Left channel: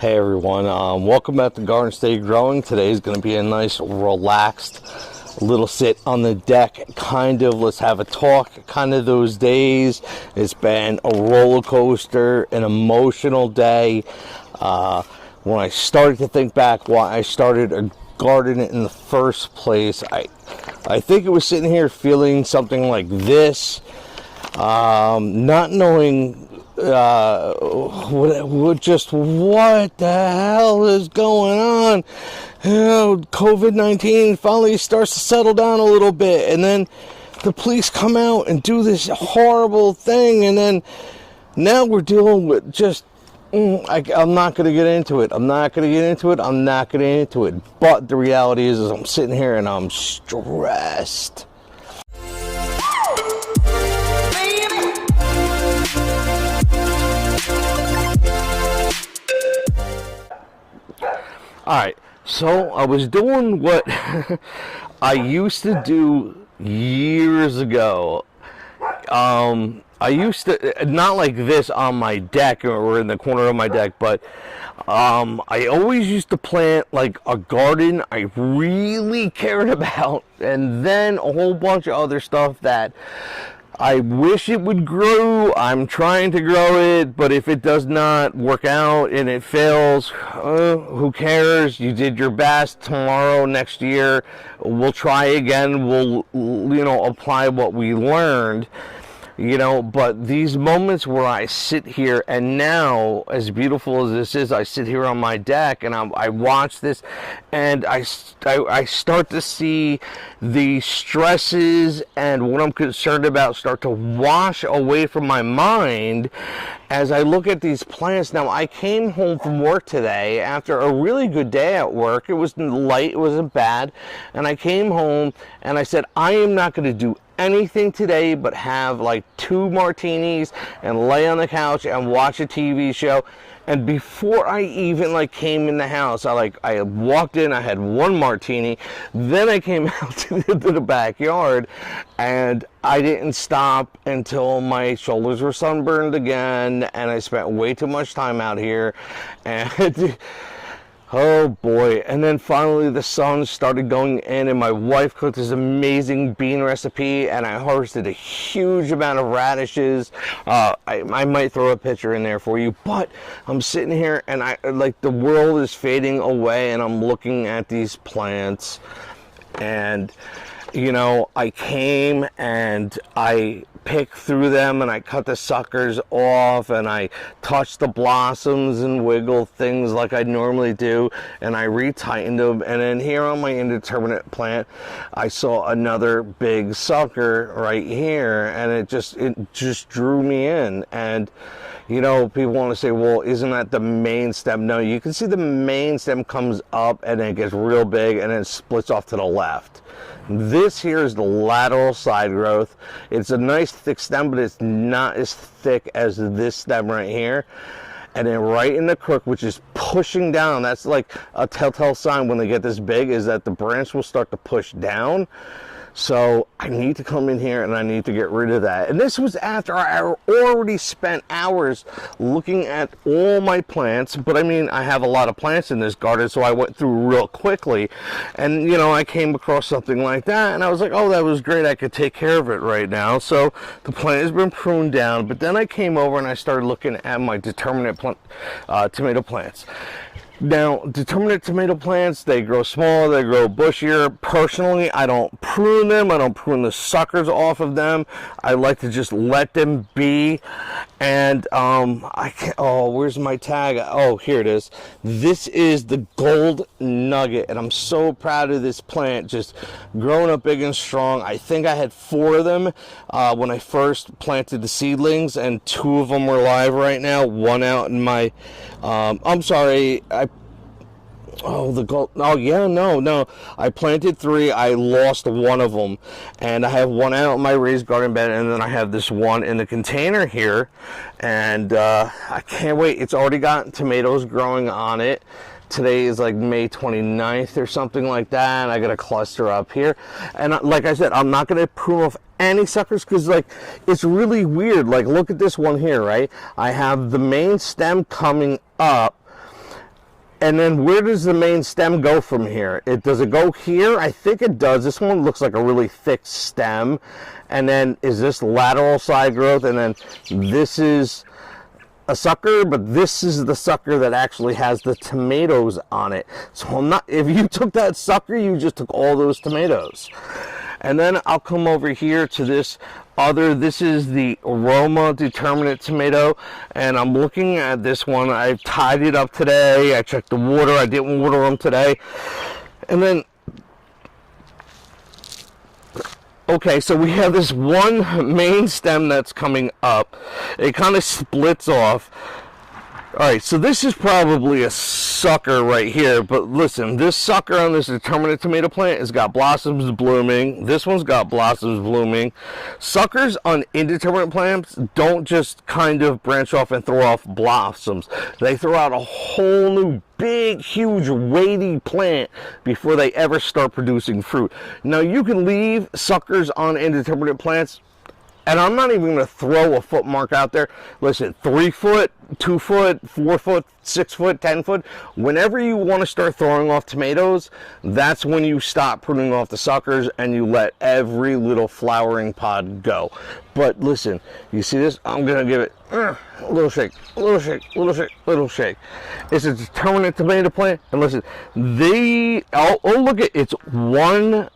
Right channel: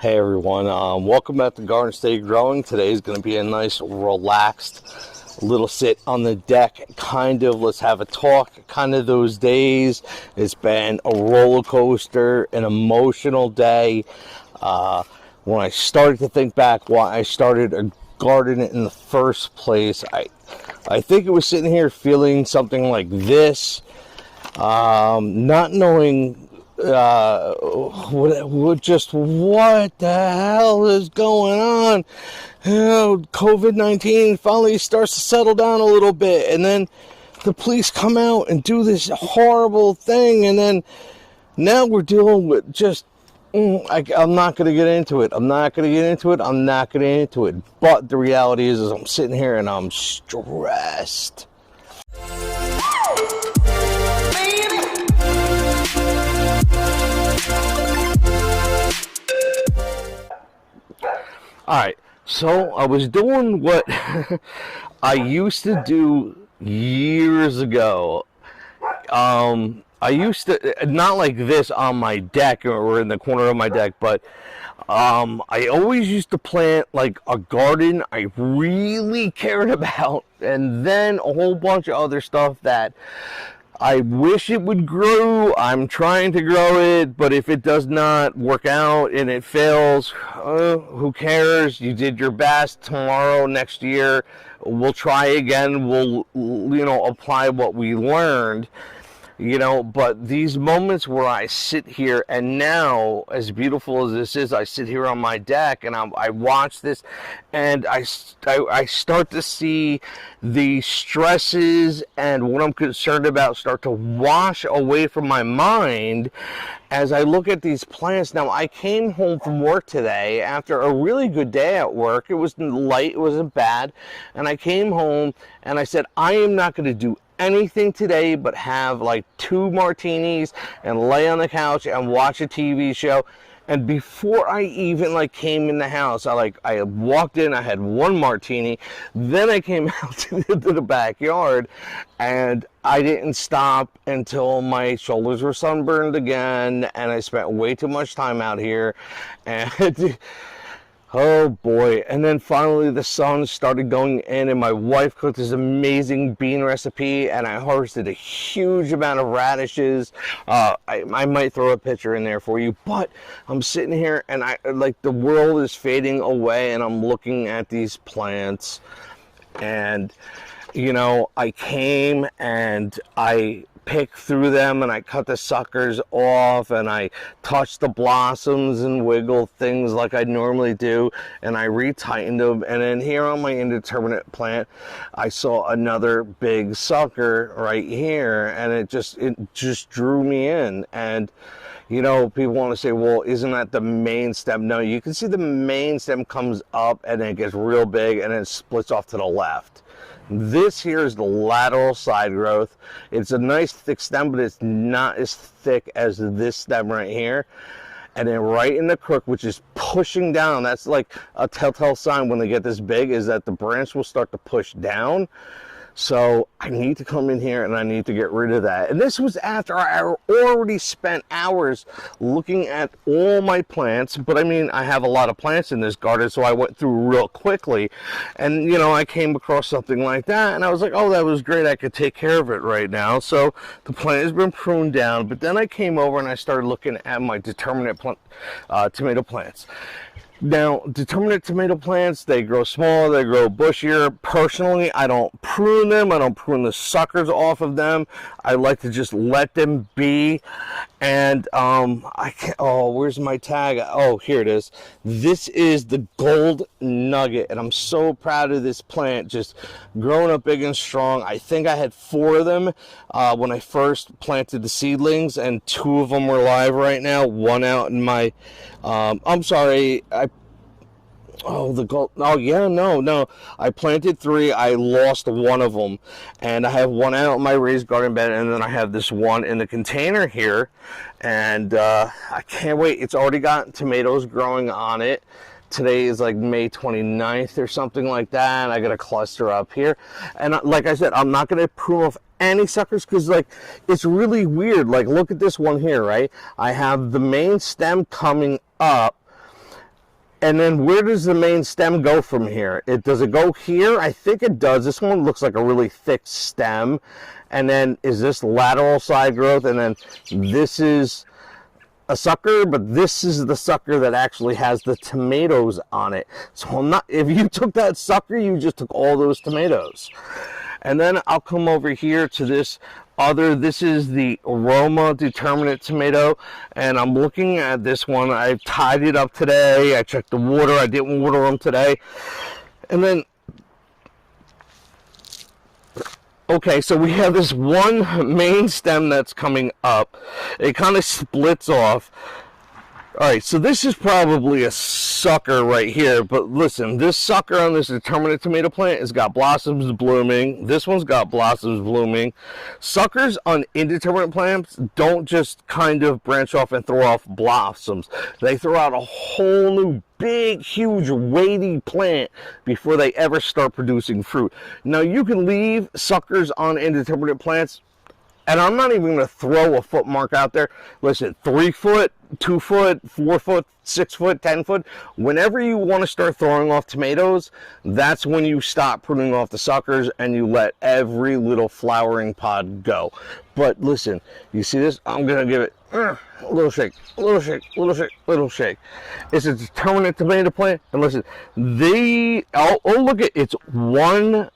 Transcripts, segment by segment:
Hey everyone, welcome back to Gardenstategrowing. Today is going to be a nice relaxed little sit on the deck, let's have a talk, kind of those days. It's been a roller coaster, an emotional day. When I started to think back why I started a garden in the first place, I think it was sitting here feeling something like this, not knowing what the hell is going on. COVID-19 finally starts to settle down a little bit, and then the police come out and do this horrible thing, and then now we're dealing with just I'm not going to get into it. But the reality is I'm sitting here and I'm stressed. Alright, so I was doing what I used to do years ago. I used to, not like this on my deck or in the corner of my deck, but I always used to plant like a garden I really cared about, and then a whole bunch of other stuff that I wish it would grow. I'm trying to grow it, but if it does not work out and it fails, who cares? You did your best. Tomorrow, next year, we'll try again. We'll, apply what we learned. But these moments where I sit here, and now, as beautiful as this is, I sit here on my deck and I watch this, and I start to see the stresses and what I'm concerned about start to wash away from my mind as I look at these plants. Now, I came home from work today after a really good day at work. It was light, it wasn't bad, and I came home and I said, I am not going to do anything today but have like 2 martinis and lay on the couch and watch a TV show. And before I even came in the house, I walked in, I had 1 martini, then I came out to the backyard, and I didn't stop until my shoulders were sunburned again, and I spent way too much time out here, and oh boy. And then finally the sun started going in, and my wife cooked this amazing bean recipe, and I harvested a huge amount of radishes. I might throw a picture in there for you, but I'm sitting here and the world is fading away, and I'm looking at these plants, and I came and I picked through them and I cut the suckers off, and I touched the blossoms and wiggled things like I normally do, and I retightened them. And then here on my indeterminate plant, I saw another big sucker right here, and it just drew me in. And people want to say, well, isn't that the main stem? No, you can see the main stem comes up and it gets real big and it splits off to the left. This here is the lateral side growth. It's a nice thick stem, but it's not as thick as this stem right here. And then right in the crook, which is pushing down, that's like a telltale sign when they get this big, is that the branch will start to push down. So I need to come in here and I need to get rid of that. And this was after I already spent hours looking at all my plants. But I mean, I have a lot of plants in this garden, so I went through real quickly. And, I came across something like that, and I was like, oh, that was great. I could take care of it right now. So the plant has been pruned down. But then I came over and I started looking at my determinate tomato plants. Now, determinate tomato plants, they grow smaller, they grow bushier. Personally, I don't prune them. I don't prune the suckers off of them. I like to just let them be. And where's my tag? Oh, here it is. This is the gold nugget, and I'm so proud of this plant, just growing up big and strong. I think I had 4 of them when I first planted the seedlings, and 2 of them were live right now. 1 out in my I planted 3. I lost 1 of them, and I have 1 out in my raised garden bed, and then I have this 1 in the container here, and I can't wait. It's already got tomatoes growing on it. Today is like May 29th or something like that. I got a cluster up here. And like I said, I'm not going to prune off any suckers because, like, it's really weird. Like, look at this one here, right? I have the main stem coming up, And then where does the main stem go from here? Does it go here? I think it does. This one looks like a really thick stem. And then is this lateral side growth? And then this is a sucker, but this is the sucker that actually has the tomatoes on it. So I'm not, if you took that sucker, you just took all those tomatoes. And then I'll come over here to this this is the Aroma Determinate tomato, and I'm looking at this one. I've tied it up today. I checked the water. I didn't water them today. And then, okay, so we have this one main stem that's coming up. It kind of splits off. All right, so this is probably a sucker right here, but listen, this sucker on this determinate tomato plant has got blossoms blooming. This one's got blossoms blooming. Suckers on indeterminate plants don't just kind of branch off and throw off blossoms. They throw out a whole new big, huge, weighty plant before they ever start producing fruit. Now, you can leave suckers on indeterminate plants, and I'm not even going to throw a foot mark out there. Listen, 3 foot, 2 foot, 4 foot, 6 foot, 10 foot. Whenever you want to start throwing off tomatoes, that's when you stop pruning off the suckers and you let every little flowering pod go. But listen, you see this? I'm going to give it a little shake, a little shake, a little shake, a little shake. It's a determinate tomato plant. And listen, look at it's one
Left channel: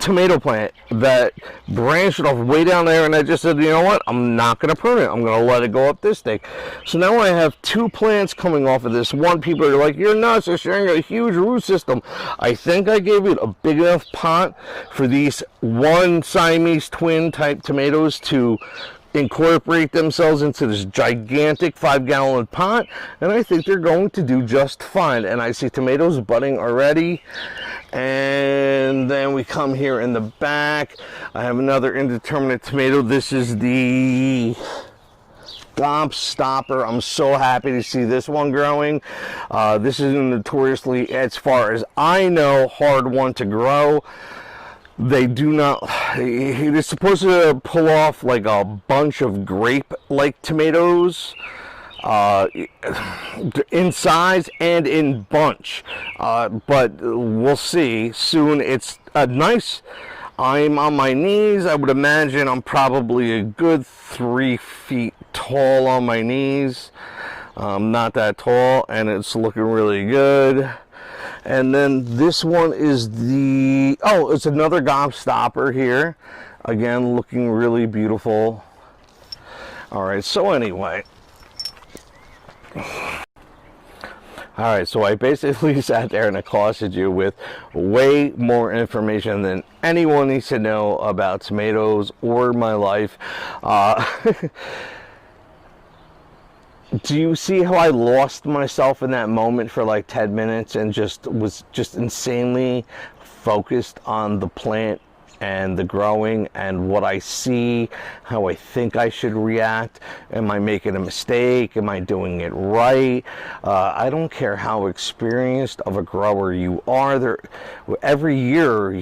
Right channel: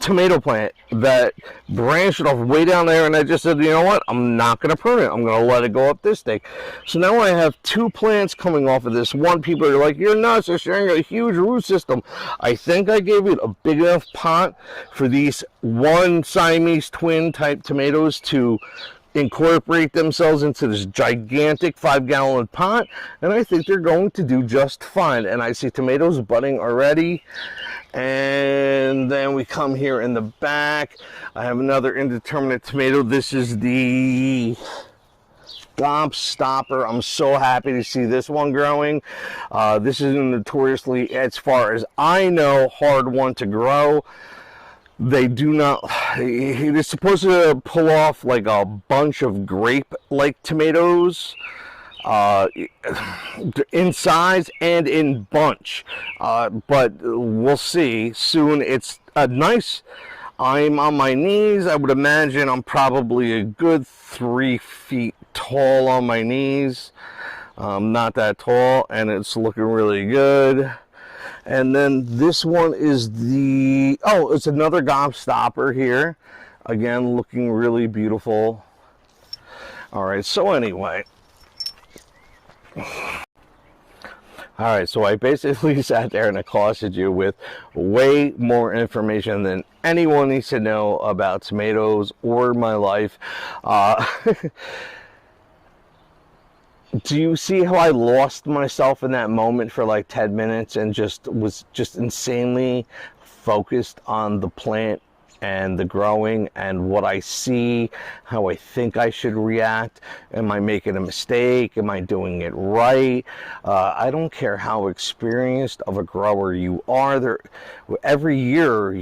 tomato plant that branched off way down there, and I just said, you know what, I'm not going to prune it. I'm going to let it go up this thing. So now I have 2 plants coming off of this one. People are like, you're nuts, you're sharing a huge root system. I think I gave it a big enough pot for these one Siamese twin type tomatoes to incorporate themselves into this gigantic 5-gallon pot, and I think they're going to do just fine. And I see tomatoes budding already. And then we come here in the back. I have another indeterminate tomato. This is the Gobstopper. I'm so happy to see this one growing. This is a notoriously, as far as I know, hard one to grow. They do not, it is supposed to pull off like a bunch of grape-like tomatoes. In size and in bunch, but we'll see soon. It's a nice, I'm on my knees. I would imagine I'm probably a good 3 feet tall on my knees. Not that tall, and it's looking really good. And then this one is it's another Gobstopper here. Again, looking really beautiful. All right, so anyway. Alright, so I basically sat there and accosted you with way more information than anyone needs to know about tomatoes or my life. Do you see how I lost myself in that moment for like 10 minutes and was insanely focused on the plant and the growing and what I see, how I think I should react? Am I making a mistake? Am I doing it right? I don't care how experienced of a grower you are. Every year,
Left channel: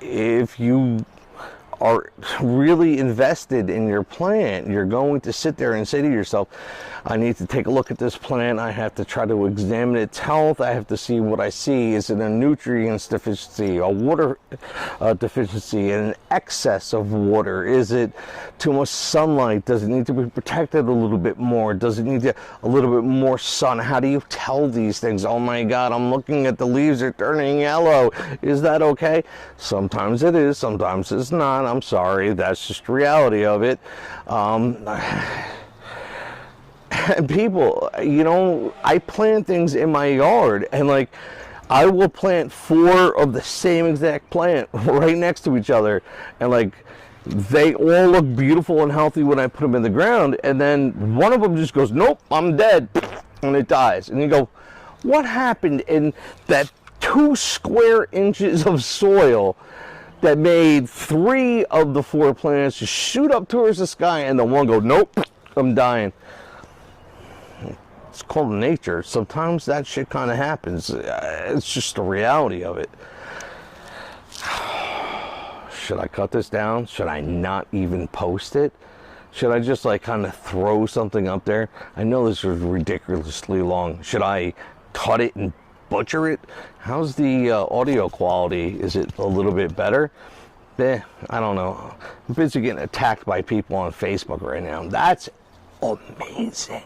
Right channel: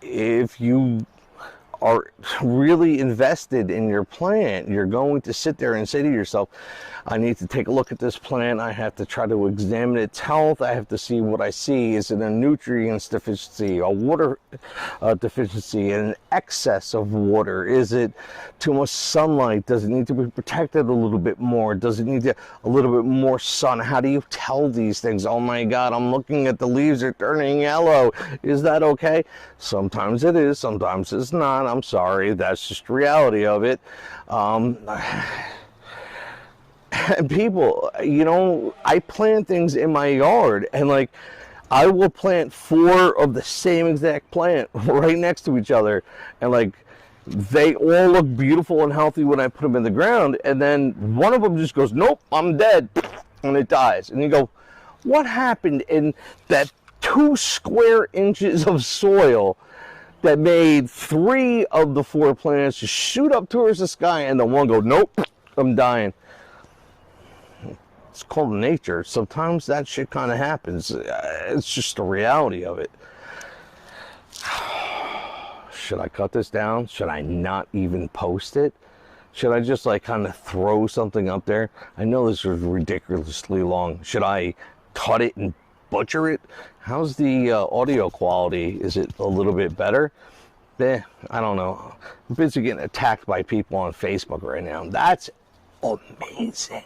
if you are really invested in your plant, you're going to sit there and say to yourself, I need to take a look at this plant. I have to try to examine its health. I have to see what I see. Is it a nutrients deficiency, a water deficiency, an excess of water? Is it too much sunlight? Does it need to be protected a little bit more? Does it need a little bit more sun? How do you tell these things? Oh my God, I'm looking at the leaves are turning yellow. Is that okay? Sometimes it is, sometimes it's not. I'm sorry, that's just the reality of it. People, I plant things in my yard, and like I will plant 4 of the same exact plant right next to each other, and like they all look beautiful and healthy when I put them in the ground, and then one of them just goes, nope, I'm dead, and it dies. And you go, what happened in that 2 square inches of soil that made 3 of the 4 plants just shoot up towards the sky, and the one goes, nope, I'm dying? It's called nature. Sometimes that shit kind of happens. It's just the reality of it. Should I cut this down? Should I not even post it? Should I just like kind of throw something up there? I know this is ridiculously long. Should I cut it and butcher it. How's the audio quality? Is it a little bit better? I don't know. I'm busy getting attacked by people on Facebook right now. That's amazing.